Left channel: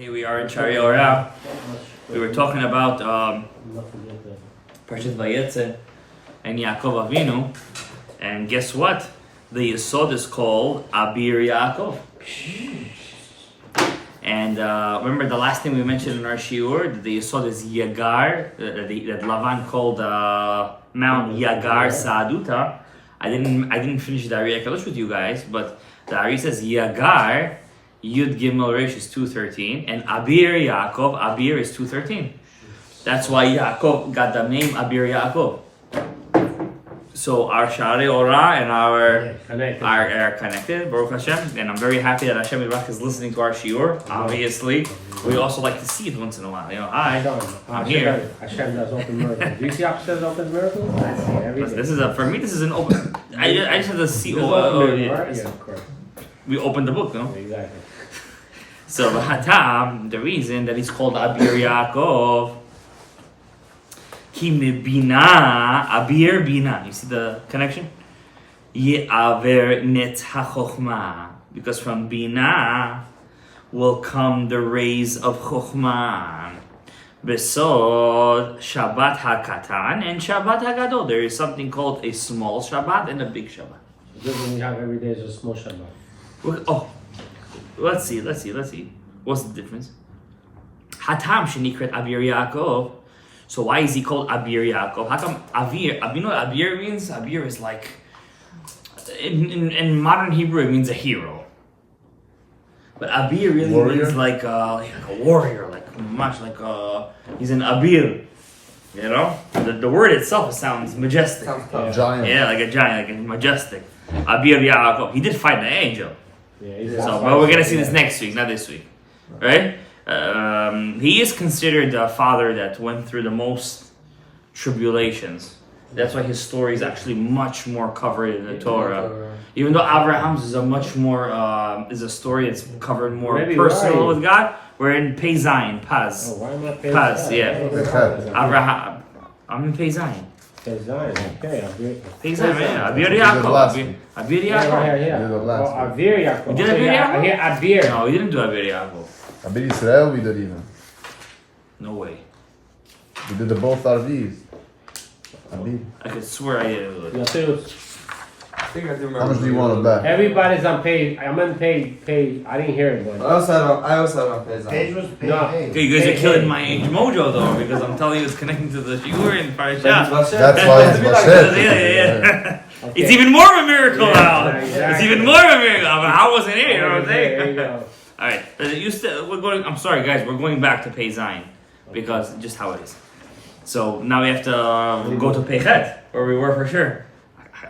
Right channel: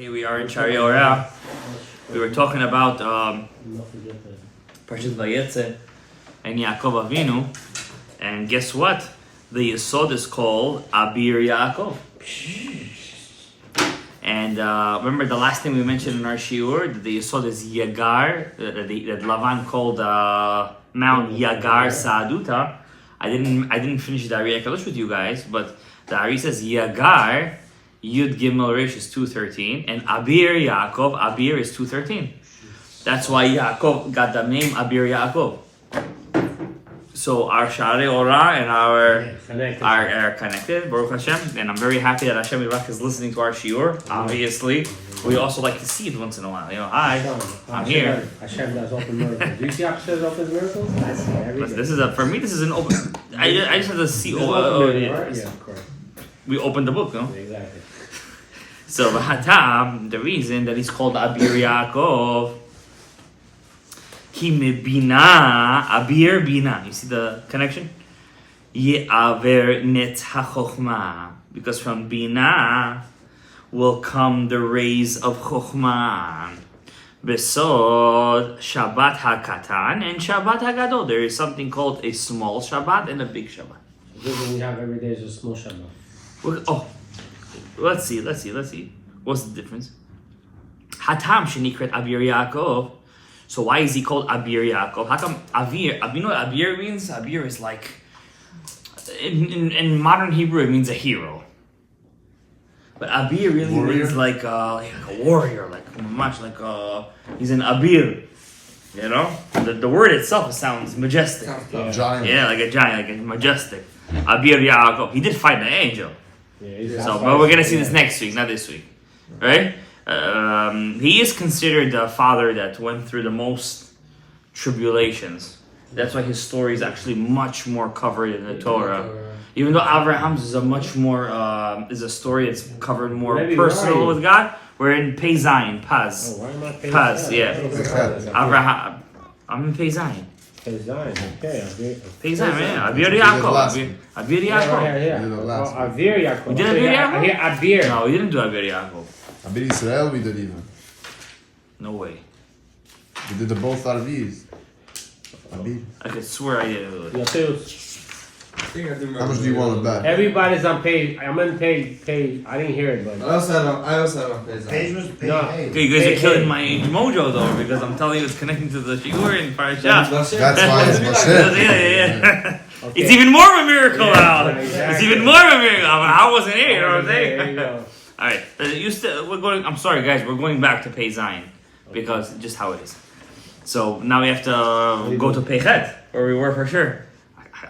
Hey, we are in Sharei Orah. We were talking about Parshat Vayetze and Yaakov Avinu, and guess what? The Yesod is called Abir Yaakov. And remember the last thing we mentioned in our shiur, that the Yesod is Yagar, that Lavan called Mount Yagar Sa'aduta. I didn't finish the Ari Akadosh with you guys, but the Ari says Yagar Yud Gimel Resh is 213, and Abir Yaakov, Abir is 213. That's why Yaakov got the name Abir Yaakov. So our Sharei Orah and are connected, Baruch Hashem, and I'm very happy that Hashem Yirach is listening to our shiur. Obviously, we also like to see it once in a while. Hi, I'm here. Hashem does open miracles. Do you see Hashem opens miracles? This is for me. This is an open. I just have to see. We opened the book, no? Exactly. So the reason that he's called Abir Yaakov, Ki mebina, Abir bina. You see the connection? Ye'aver net hachochma. Because from bina will come the rays of chochma. Besod Shabbat hakatan and Shabbat hagadol. There is something called a small Shabbat and a big Shabbat. So when you have every day is a small Shabbat. Let's see. What's the difference? Hatam shenikret Abir Yaakov. So why is he called Abir Yaakov? How come Abir? You know what Abir means? Abir is like, in modern Hebrew, it means a hero. But Abir really means like a warrior, he's an Abir. You know, the word itself sounds majestic. Giant. Yeah, like a giant, like a majestic. Abir Yaakov. He did fight an angel. Yeah, But we're gonna see this next week, not this week, right? He is considered the father that went through the most tribulations. That's why his story is actually much more covered in the Torah. Even though Abraham's is a much more is a story that's covered more personal with God. We're in Pei Zayin, Paz. Oh, why am I Pei Paz, Zayin? yeah. Abraham. I'm in Pei Zayin. Pei Zayin, okay. Pei Zayin, yeah. Abir Yaakov. Abir Yaakov. Yeah. Abir Yaakov. You did Abir Yaakov? I hear Abir. No, you didn't do Abir Yaakov. Abir Israel we did even. No way. We did the both Arvis. Abir. I could swear I did. I think I do remember. How much do you want to bet? Everybody's on page. I'm on page. I didn't hear it, but I also have a page. no. Okay, you guys are killing my age mojo though, because I'm telling you it's connecting to the shiur in Parashat. That's why it's Moshe. Yeah. Okay. It's even more of a miracle now. Yeah, It's even more of a miracle. I wasn't here, you know what I'm There you saying? go. Alright, we're going, I'm sorry guys, we're going back to Pei Zayin, because just how it is. So now we have to go to Pei Chet, where we were for sure.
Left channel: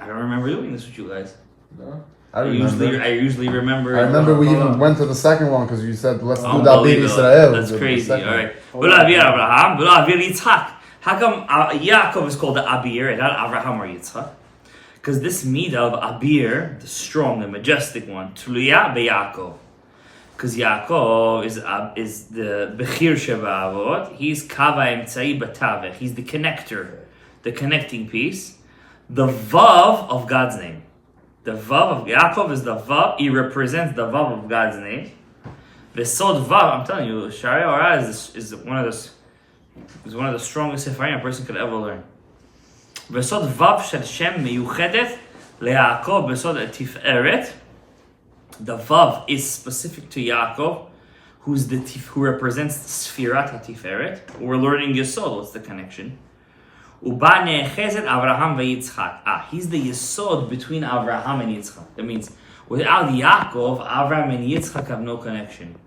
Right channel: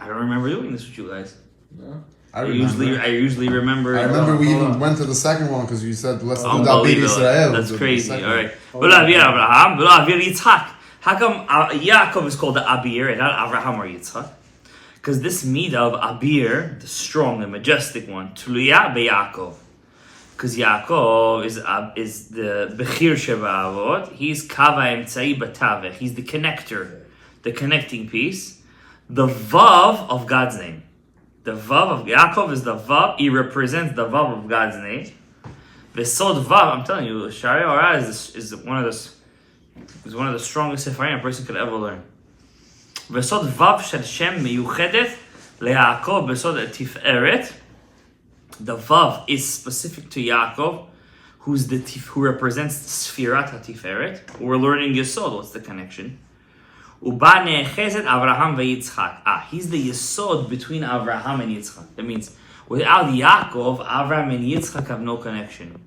I don't remember doing this with you guys. No? I usually remember. I remember we even went to the second one because you said let's do Abir Unbelievable. Israel. That's crazy. All right. Oh, V'lo Abir Abraham, v'lo Abir Yitzchak. How come Yaakov is called the Abir and not Abraham or Yitzchak? Because this midah of Abir, the strong and majestic one, Tuluya beYaakov. Because Yaakov is the Bechir Sheba'avot. He's Kava Emtzai Batavech. He's the connector, the connecting piece. The Vav of God's name. The Vav of Yaakov is the Vav. He represents the Vav of God's name. Vesod Vav, I'm telling you, Sharei Orah is one of the strongest Sefarim a person could ever learn. Vesod Vav Shel Shem Meyuchedet LeYaakov Vesod Tiferet. The Vav is specific to Yaakov, who represents the Sfirat HaTiferet. We're learning Yesod. What's the connection? Uba ne'echezet Avraham veYitzchak. He's the Yesod between Avraham and Yitzchak. That means without Yaakov, Avraham and Yitzchak have no connection.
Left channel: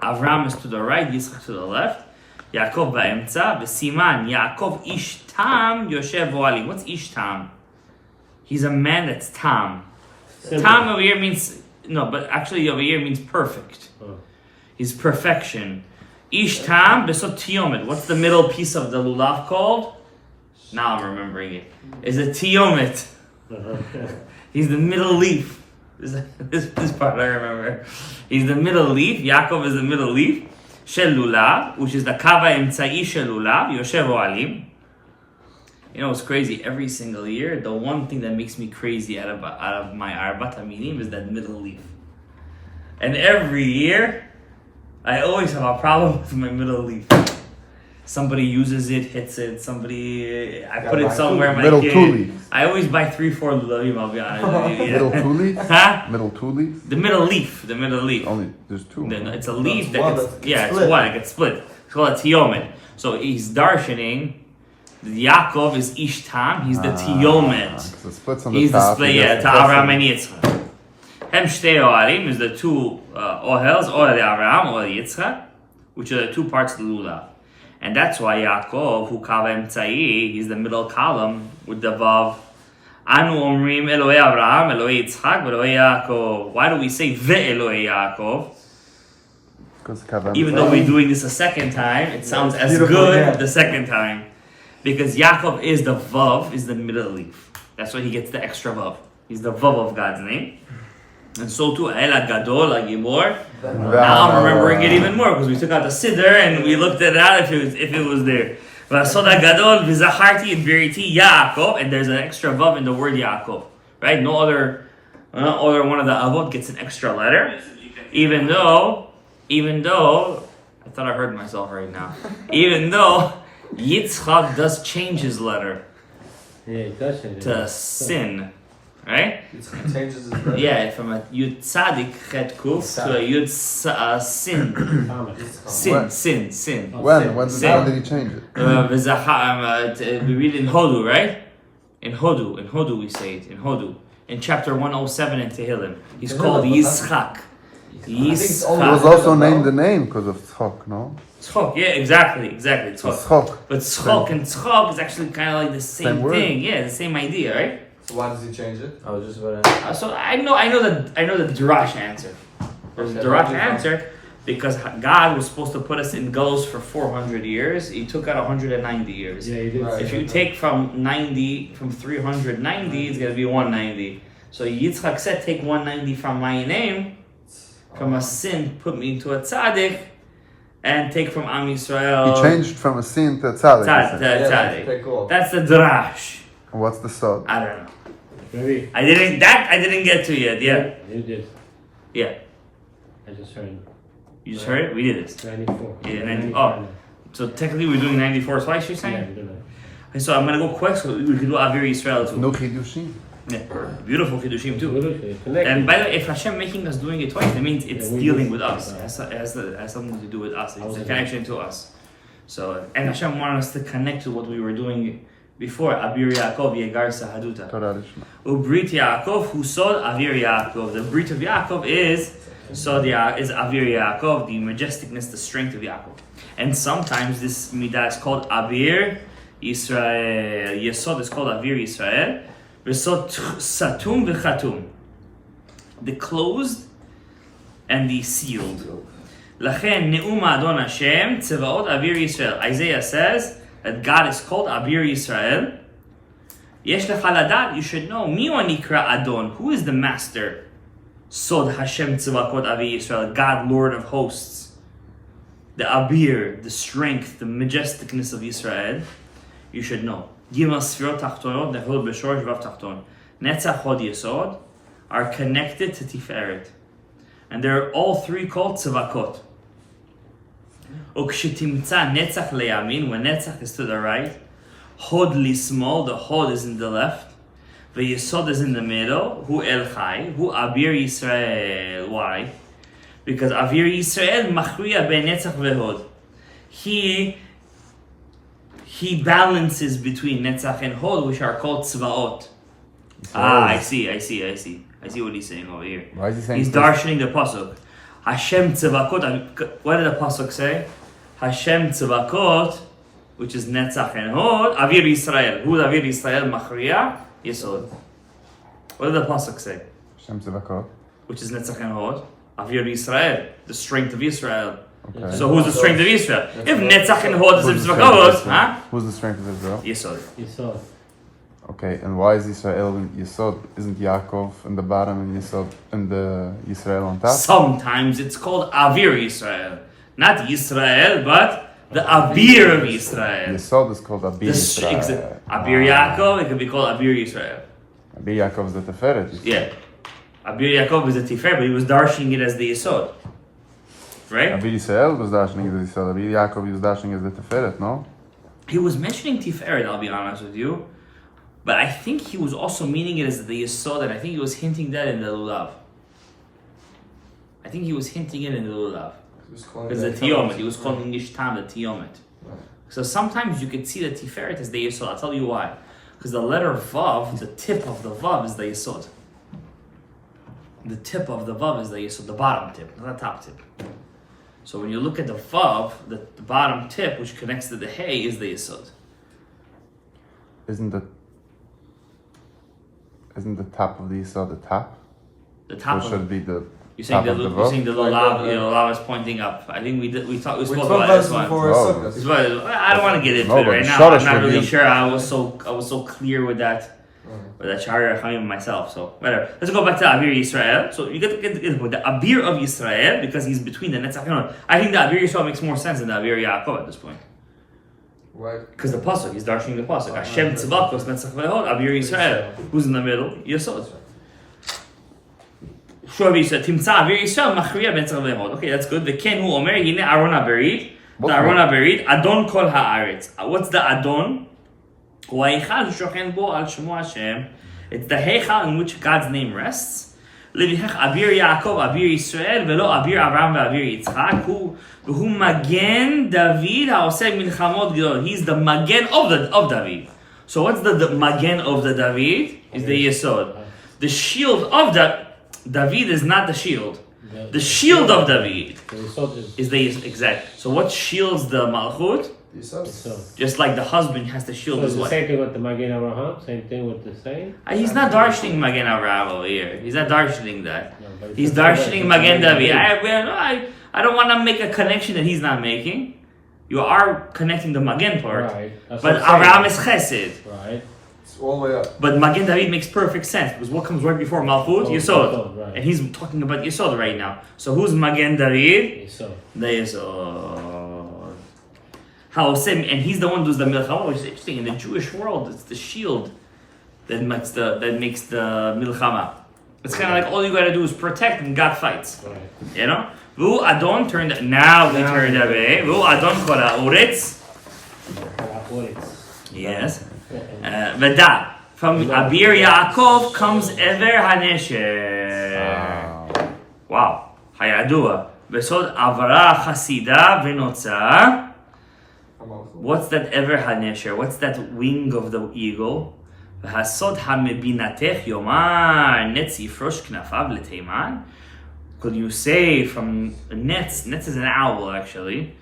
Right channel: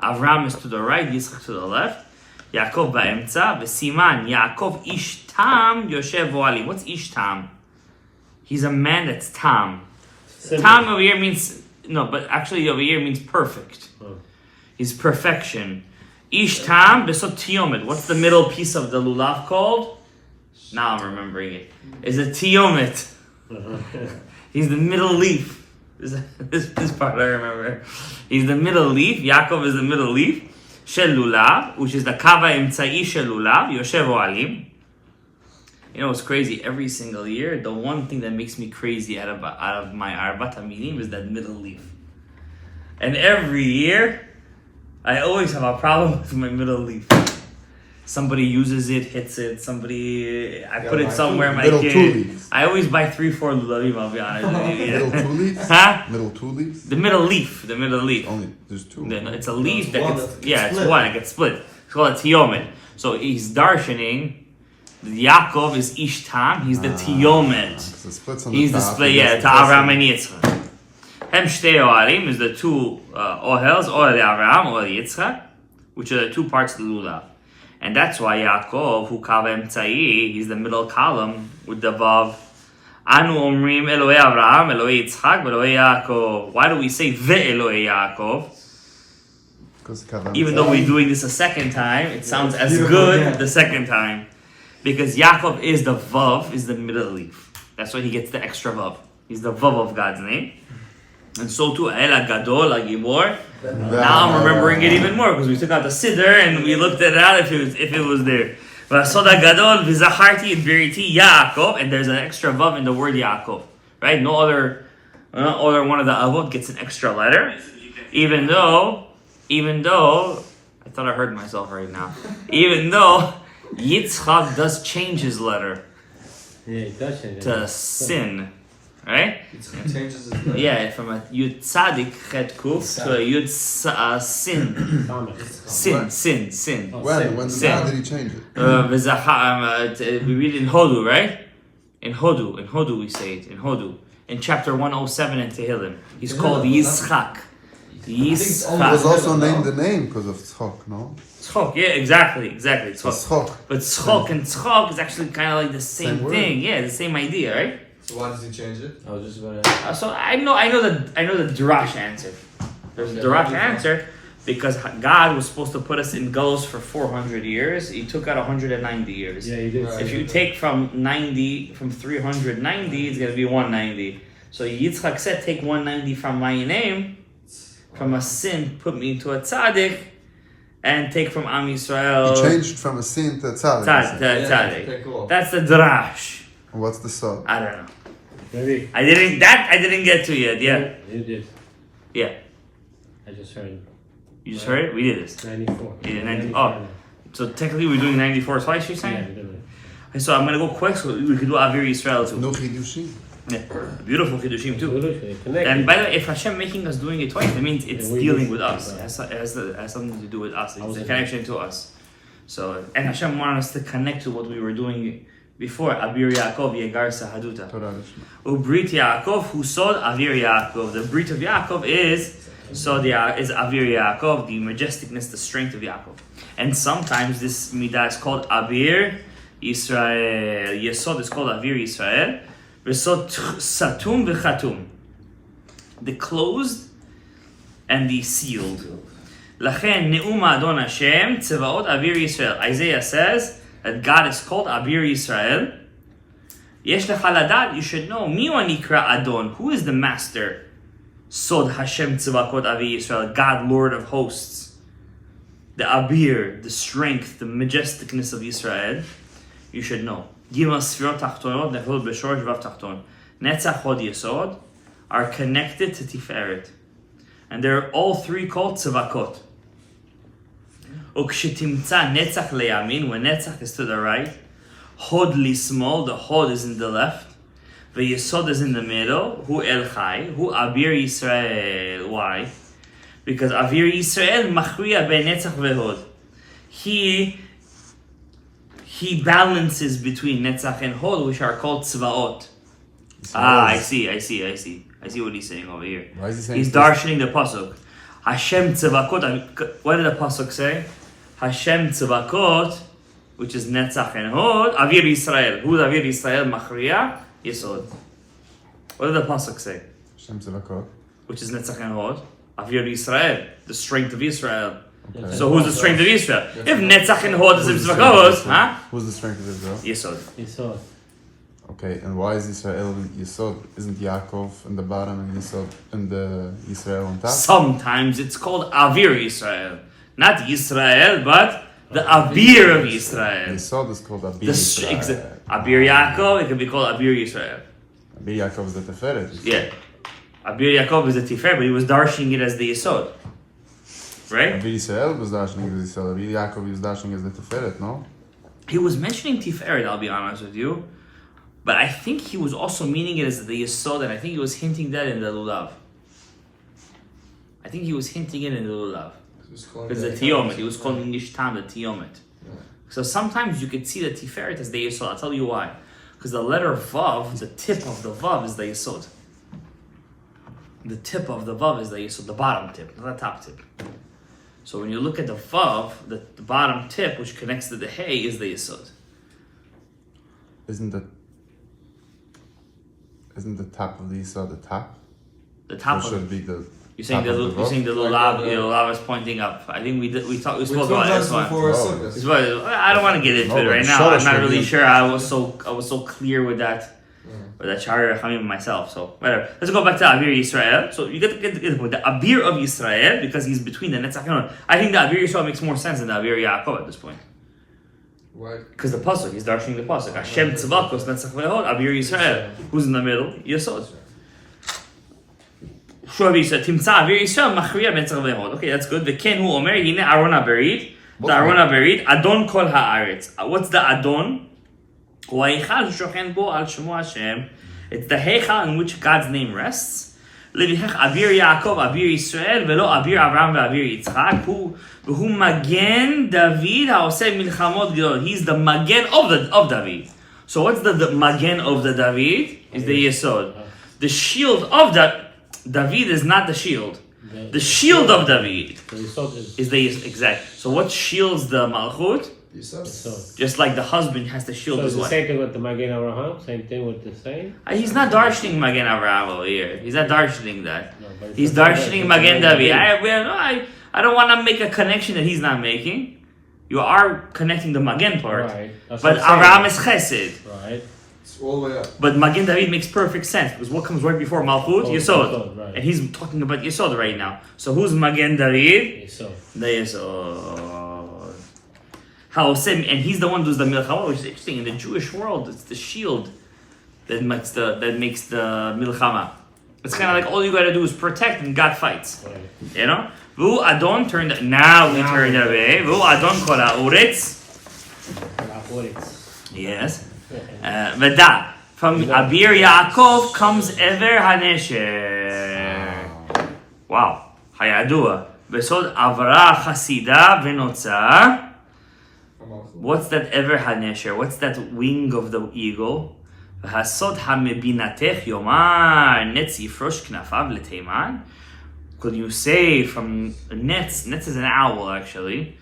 Avraham is to the right, Yitzchak to the left. Yaakov ba'emtza. V'siman Yaakov ish tam yoshev oalim. What's ish tam? He's a man that's tam. Tam over here means no, but actually over here means perfect. He's perfection. Ish tam besot tiyomet. What's the middle piece of the lulav called? Now I'm remembering it. Is a tiyomet. He's the middle leaf. This part I remember. He's the middle leaf. Yaakov is the middle leaf. Shel lulav, which is the kava emtzai shel lulav. Yoshev oalim. You know, it's crazy. Every single year, the one thing that makes me crazy out of my Arbat Aminim is that middle leaf. And every year, I always have a problem with my middle leaf. Somebody uses it, hits it. Somebody, I put it somewhere. My Middle two kid. leaves. I always buy 3-4 lulavim. I'll be honest with you. Middle Yeah. two leaves? Huh? Middle two leaves? The middle leaf. The middle leaf. Only, there's two. No, it's a leaf it's that one gets, that gets yeah, it's split. one that gets split. It's called a tiyomet. So he's darshaning. Yaakov is Ishtam. He's the tiyomet. So splits on the He's the top, split, and yeah, it's to Avraham and Yitzchak. Hem shtei ohalim is the two ohels, ohel Avraham, ohel Yitzchak, which are the two parts of the lulav. And that's why Yaakov, who kav emtzai, he's the middle column with the vav. Anu omrim Eloi Avraham, Eloi Yitzchak, Eloi Yaakov. Why do we say Ve'eloi Yaakov? Even though we're doing this a second time, it sounds as beautiful, good yeah. the second time. Because Yaakov is the vav, is the middle leaf. That's why he gets the extra vav. He's the vav of God's name. And so too, El Gadol, Gibor. Now I'm remembering it even more because we took out the siddur and we looked at it out if it was there. Vasoda Gadol, Vizacharti, and Beriti, Yaakov, and there's an extra vav in the word Yaakov. Right? No other one of the avot gets an extra letter. Even though, I thought I heard myself right now. Even though Yitzchak does change his letter Yeah, it does change. to sin. Right? It changes his letter. Yeah, from a Yud Tzadik Chet Kuf to a Yud Sin. Sin. When Sin. how did he change it? We read in Hodu, right? In Hodu we say it. In Hodu. In chapter 107 in Tehillim. He's called Yitzchak. He was Yitzchak. also named the name because of Tzchok, no? Tzchok, yeah, exactly. Tzchok. Tzchok. But Tzchok and Tzchok is actually kind of like the same Same thing. Yeah, the same idea, right? So why does he change it? I was just about to. So I know the Drash answer. There's a Okay, Drash what do you answer because God was supposed to put us in Golos for 400 years. He took out 190 years. Yeah, he did. Right. If you take from 390, it's gonna be 190. So Yitzchak said, take 190 from my name, from a sin, put me into a tzaddik, and take from Am He Yisrael. changed from a sin to tzaddik. Tzaddik. Okay, cool. That's the Drash. What's the sod? I don't know. Maybe. I didn't get to yet. Yeah. You did. Yeah. I just heard You just heard it? We did this. 94. Yeah, 90 oh. So technically we're doing 94 twice, you're Yeah, saying? you did that. Okay, so I'm gonna go quick so we could do Avir Yisrael too. No chidushim. Yeah. Beautiful Kiddushim too. Connected. And by the way, if Hashem making us doing it twice, that means it's Yeah, we dealing do. with us. It has something to do with us. It's a connection to us. So, and Hashem wanted us to connect to what we were doing before. Abir Yaakov Yegar Sahaduta. Torah Lishma. Ubrit Yaakov who sod Avir Yaakov. The Brit of Yaakov is Avir Yaakov, the majesticness, the strength of Yaakov. And sometimes this midah is called Avir Yisrael. Yesod is called Avir Yisrael. Yesod Satum v'Chatum. The closed and the sealed. Lachen Ne'um Adon Hashem Tzevaot Avir Yisrael. Isaiah says that God is called Avir Yisrael. Yesh lecha ladat, you should know. Mi nikra Adon. Who is the master? Sod Hashem Tzevakot Avir Yisrael. God, Lord of hosts. The Abir, the strength, the majesticness of Israel. You should know. Gimel Sfirot Tachtonot Nechol B'Shorosh Vav Tachton. Netzach Hod Yesod are connected to Tiferet. And they're all three called Tzevakot. Ukshetimtza Netzach Leyamin, when Netzach is to the right, Hod Lismol, the Hod is in the left, V'Yesod is in the middle, Hu El Chai, Hu Abir Yisrael. Why? Because Avir Yisrael Machriya Ben Netzach V'Hod. He balances between Netzach and Hod, which are called Tzvaot. I see what he's saying over here. Why is he saying He's darshaning the pasuk. Hashem tzevakot. What did the pasuk say? Hashem tzevakot, which is Netzach and Hod. Avir Yisrael. Who is Avir Yisrael? Machriya Yesod. What did the pasuk say? Shem Tzevakot. Which is Netzach and Hod. Avir Yisrael, the strength of Israel. Okay. So who's the strength of Israel? If Netzach and Hod is tzevakot, huh? Who's the strength of Israel? Yesod. You saw it. Okay, and why is Israel in Yesod? Isn't Yaakov in the bottom and Yesod in the Israel on top? Sometimes it's called Avir Yisrael. Not Yisrael, but the Avir of Yisrael. Yesod is called Abir The Yisrael. Abir Yaakov, it can be called Abir Yisrael. Abir Yaakov is the Teferet. Yeah. Abir Yaakov is a Tifer, but he was darshaning it as the Yesod. right? Abir Yisrael was dashing as the Yisod. Abir Yaakov was dashing as the Tiferet, no? He was mentioning Tiferet, I'll be honest with you. But I think he was also meaning it as the Yesod, and I think he was hinting that in the Lulav. I think he was hinting it in the Lulav. Because the Tiyomet, he was calling Ishtam the Tiyomet. Right. So sometimes you could see the Tiferet as the Yesod. I'll tell you why. Because the letter Vav, the tip of the Vav is the Yesod. The tip of the Vav is the Yesod, the bottom tip, not the top tip. So when you look at the Vav, the bottom tip, which connects to the Hey, is the Yesod. Isn't the top of the Yisod the top? The top Or of should it be the you're saying top the of the you're saying the Vav? Lulav is pointing up. I think we spoke We about this one. before Wow. Sukkot. This one, I don't want to get into No, it right but now. Shalosh I'm not would really be- sure. I was so clear with that Sharei Rachamim myself. So whatever. Let's go back to Abir Yisrael. So you get the point. The Abir of Yisrael, because he's between the Netzach. I think the Abir Yisrael makes more sense than the Abir Yaakov at this point. Why? Because the pasuk, he's darshaning the pasuk. Hashem tzavakos netzach ve'hod, Abir Yisrael. Who's in the middle? Yesod. Shuv Yisrael, Timtza Abir Yisrael, Machriya netzach ve'hod. Okay, that's good. V'ken hu omer, hine Aron HaBerit. The Aron HaBerit, Adon kol haaretz. What's the Adon? Hu ha'eichal shochen bo al shemo Hashem. It's the heichal in which God's name rests. Levichach Abir Yaakov, Abir Yisrael, velo Abir Avraham ve'Abir Yitzchak. Who Magen David ha'oseh milchamot gedol. He's the Magen of David. So what's the Magen of the David? Is the Yesod. The shield of David is not the shield. The shield of David The Yisod is the exact. So what shields the Malchut? Yisod. Just like the husband has to shield So it's his the wife. same thing with the Magen Avraham, same thing with the same. He's not darshaning Magen Avraham over here. He's not darshaning that. No, but He's it's darshaning Magen David. David. I don't want to make a connection that he's not making. You are connecting the Magen part. Right. That's But what I'm Avraham saying. is Chesed. Right. It's all the way up. But Magen David makes perfect sense because what comes right before Malchut? Oh, Yesod. Yesod, right. And he's talking about Yesod right now. So who's Magen David? Yisod. The Yesod. And he's the one who's the Milchama, which is interesting. In the Jewish world, it's the shield that makes the Milchama. It's kind of like all you gotta do is protect and God fights. Right. You know? Vu Adon turned now we turned away. Vu Adon kol ha'oretz. Yes. V'da. From Abir Yaakov comes Ever Hanesher. Wow. Hayadua. Besod Avra Chasida Venotza. What's that Ever Hanesher? What's that wing of the eagle? V'hasod hamebinatech yomar netz yifrosh knafav l'teiman. Could you say from Netz is an owl actually,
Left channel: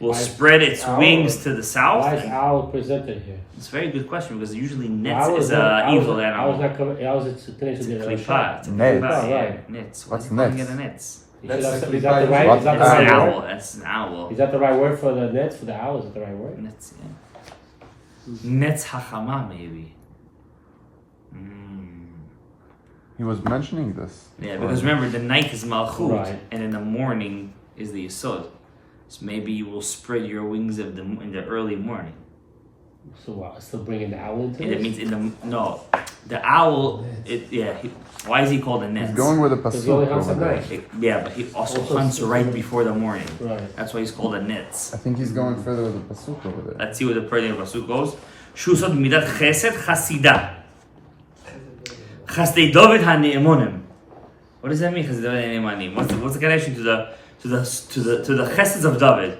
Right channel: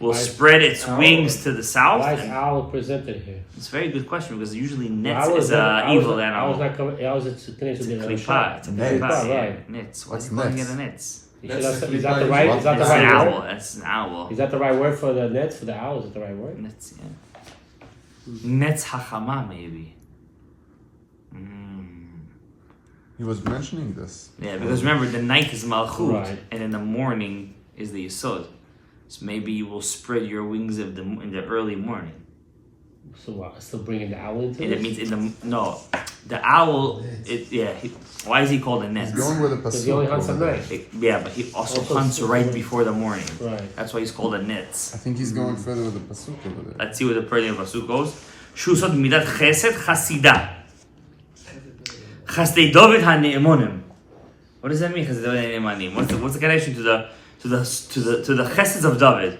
will Why is spread its owl- wings to the Why south? is owl presented here? It's a very good question because usually Netz Owl is not- an evil owl's animal. not coming. Owl's it's It's a the klipa. It's a Netz. klipa, yeah. Right. Netz. Why What's are you calling Netz? it a Netz? Is That's that the the klipa right? you Is that the It's an right owl. word? That's an owl. Is that the right word for the nets for the owl? Is that the right word? Netz, yeah. Netz hachama maybe. He was mentioning this. Yeah, because remember the night is Malchut, Right. and in the morning is the Yesod. So maybe you will spread your wings in the early morning. So what? Still bringing the owl into And it this? means the owl. Why is he called a He's Netz? going with a Because he only hunts at pasuk. night. Yeah, but he also Also hunts six right morning. before the morning. Right. That's why he's called a Netz. I think he's going further with the pasuk over there. Let's see where the prayer of Pasuk goes. Shusot midat chesed chasida. Chasdei David hane'emonim. What does that mean? Chasdei David hane'emonim. What's the connection to the cheseds of David?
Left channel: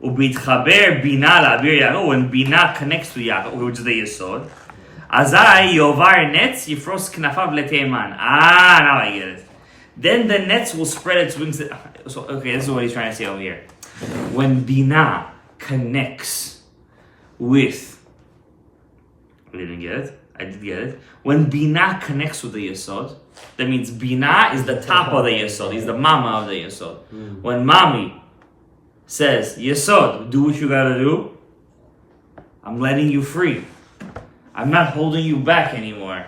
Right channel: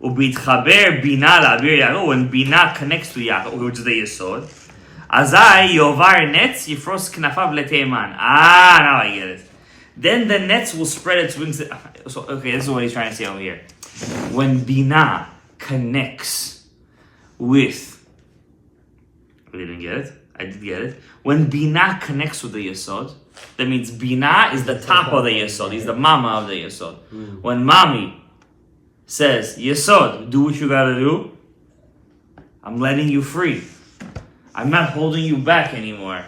Ubitchaber bina la'abir Yaakov. When bina connects to Yaakov, which is the Yesod, azai yovar netz yifros knafav leteiman. Now I get it. Then the netz will spread its wings. So okay, this is what he's trying to say over here. When bina connects with, we didn't get it. I did get it. When bina connects with the Yesod, that means bina is the top of the Yesod. He's the mama of the Yesod. When mommy says, Yesod, do what you gotta do, I'm letting you free. I'm not holding you back anymore.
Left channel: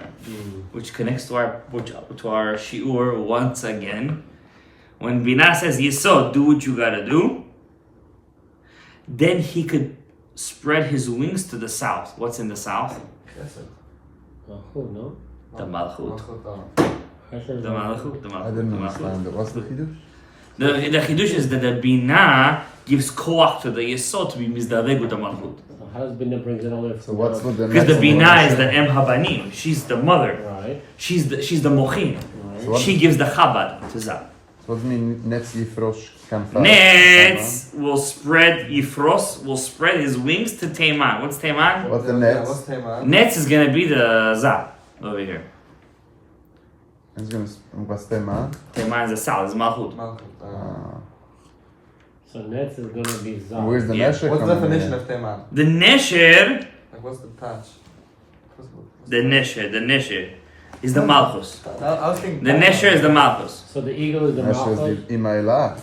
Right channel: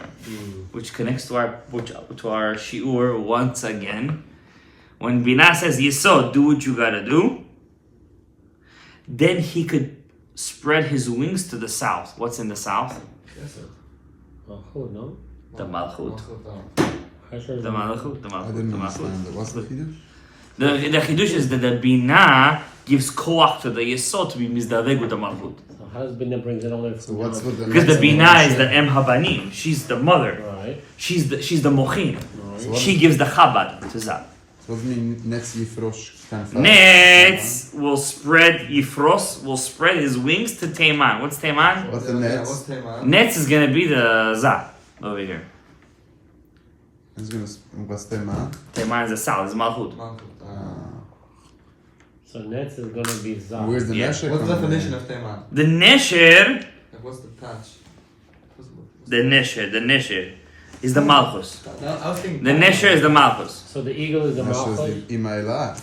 Which connects to our shiur once again. When bina says, Yesod, do what you gotta do, then he could spread his wings to the south. What's in the south? Malchut, no? The Malchut. The The Malchut. The I Malchut. didn't The Malchut. understand it. What's the Kiddush? The chidush is that the bina gives koach to the yesod to be mizdaveg with the malchut. So how does Binah brings it over? So what's with the Because the next bina one? is the em habanim. She's the mother. Right. She's the mochin. So what, She gives the chabad to Zah. what does it mean Netz Yifrosh can fast? Netz will spread Yifros will spread his wings to Teiman. What's Teiman? What's the Yeah, Netz? what's Teiman? Netz is gonna be the Zah over here. It's gonna what's Teiman? Teiman is the Sal, is Malchut. So Netz is gonna be Zah. Where's the Yeah. Nesher? What's the coming definition in? of Teiman? The Nesher, Like, what's the patch? the Nesher is the Malchus. I was thinking. The Nesher is the Malchus. So the eagle is the Nesher Malchus. is the Imaila.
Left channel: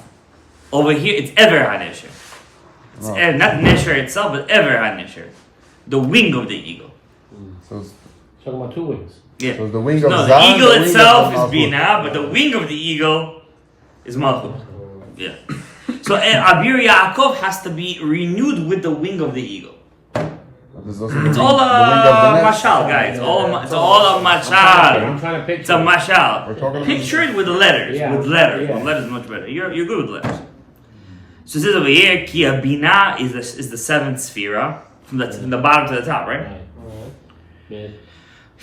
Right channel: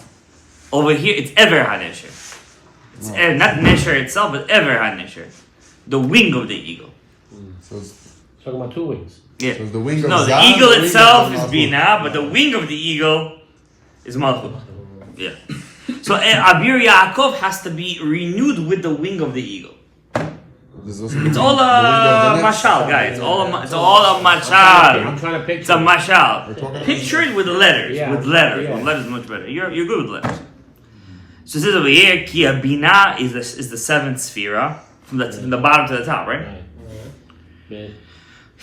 Over here, it's Ever HaNesher. It's Oh. not Nesher itself, but Ever HaNesher. The wing of the eagle. So it's, Talking about two wings. Yeah. so it's the wing of No, the Zah, eagle wing of itself is Malchut. Bina, but the wing of the eagle is Malchut. Yeah. So Abir Yaakov has to be renewed with the wing of the eagle. There's also It's the all wing a of the Netz. mashal, guys. It's all a I'm mashal. trying to picture. It's a mashal. We're talking Picture it with letters. Yeah. With letters. Yeah. With letters is much better. You're good with letters. So it says over here, Ki Bina is the seventh sphera from the bottom to the top, right? Yeah.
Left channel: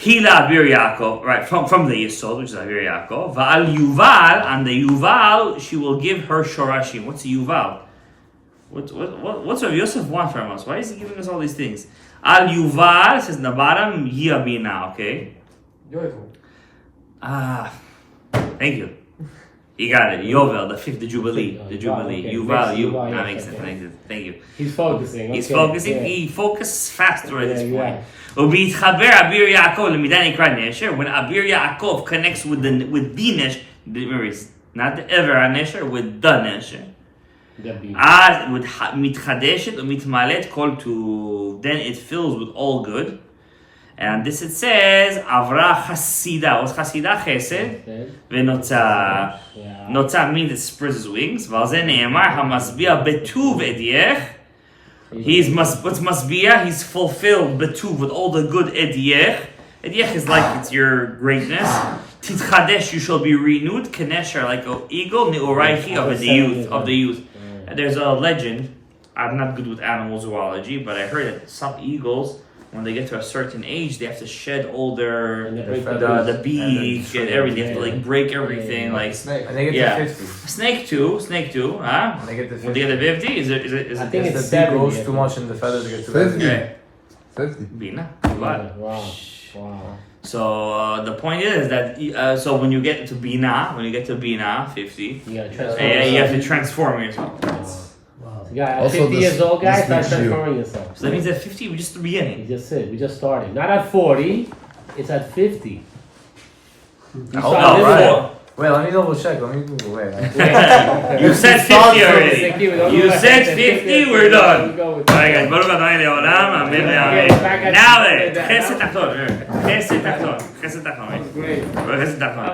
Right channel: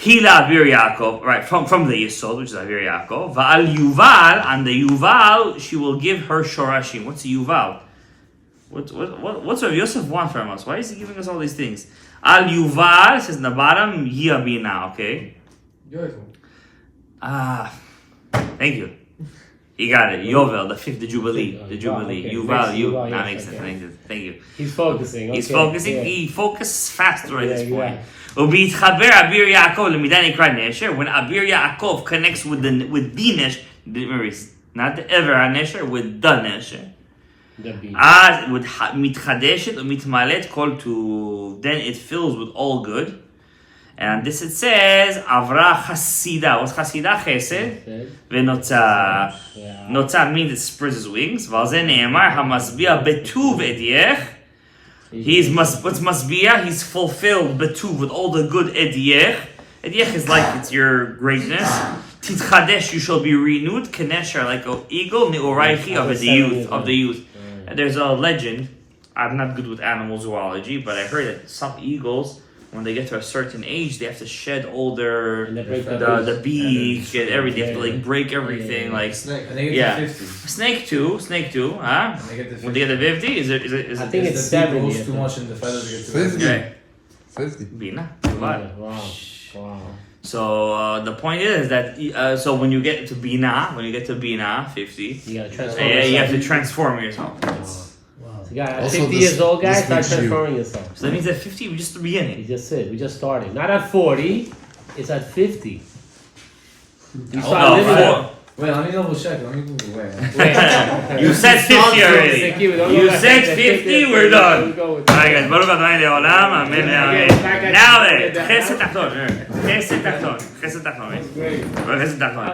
Hila Abir Yaakov, right, from the Yesod, which is Abir Yaakov. Va'al Yuval, and the Yuval, she will give her Shorashim. What's Yuval? What's Rav Yosef want from us? Why is he giving us all these things? Al Yuval says in the bottom, Yia Bina, okay? Thank you. You got it. Yovel, the fifth, the Jubilee. The Jubilee. Okay. Yuval, Yes, you. Yuval, That yes, makes sense. okay. Makes sense. Thank you. He's focusing. He's okay. focusing. Yeah. He focuses faster at this Yeah, point. yeah. ובהתחבר אביר יעקב למידה נקרא נשר, when Abir Yaakov connects with the Nesher, remember it's not the ever הנשר, with the Nesher, The bee. אז מתחדשת ומתמלאת כל טוב, then it fills with all good, and this it says, עברה חסידה, what's חסידה? חסד, Okay. ונוצה, Yeah. נוצה means it spreads his wings, ועל זה נאמר, המשביע בטוב אדייך, what's masbiyah? He's fulfilled betuv with all the good ediech. Ediech is like it's your greatness. Titchadesh, you shall be renewed. Kenesher, like an eagle. Neoraichi of the youth. And there's a legend. I'm not good with animal zoology, but I heard that some eagles, when they get to a certain age, they have to shed all their And they break the beak and everything. They have to like break everything. Like Snake. And they get yeah, to 50. snake too, huh? When they get to 50. When they get to 50, is it? I think If it's the beak 70. grows too much in the feathers, they get to 50. 50. Okay. 50. Bina. Wow. Wow. So the point is that so when you get to Bina, 50, Yeah, you have to transform yourself. Wow. So, yeah, at Also 50 this- years old, guys, this start makes you- transforming yourself. So that means at 50, we're just the You beginning. just said, we just started. Not at 40, it's at 50. You Oh, start no, living right. Wait, let me double check. Let me wait. Yeah. You said 50 already. You said 50, we're done. Alright guys, ברוך ה' לעולם, אמן ואמן. Now then, חסד תחתון, חסד תחתון. חסד תחתון.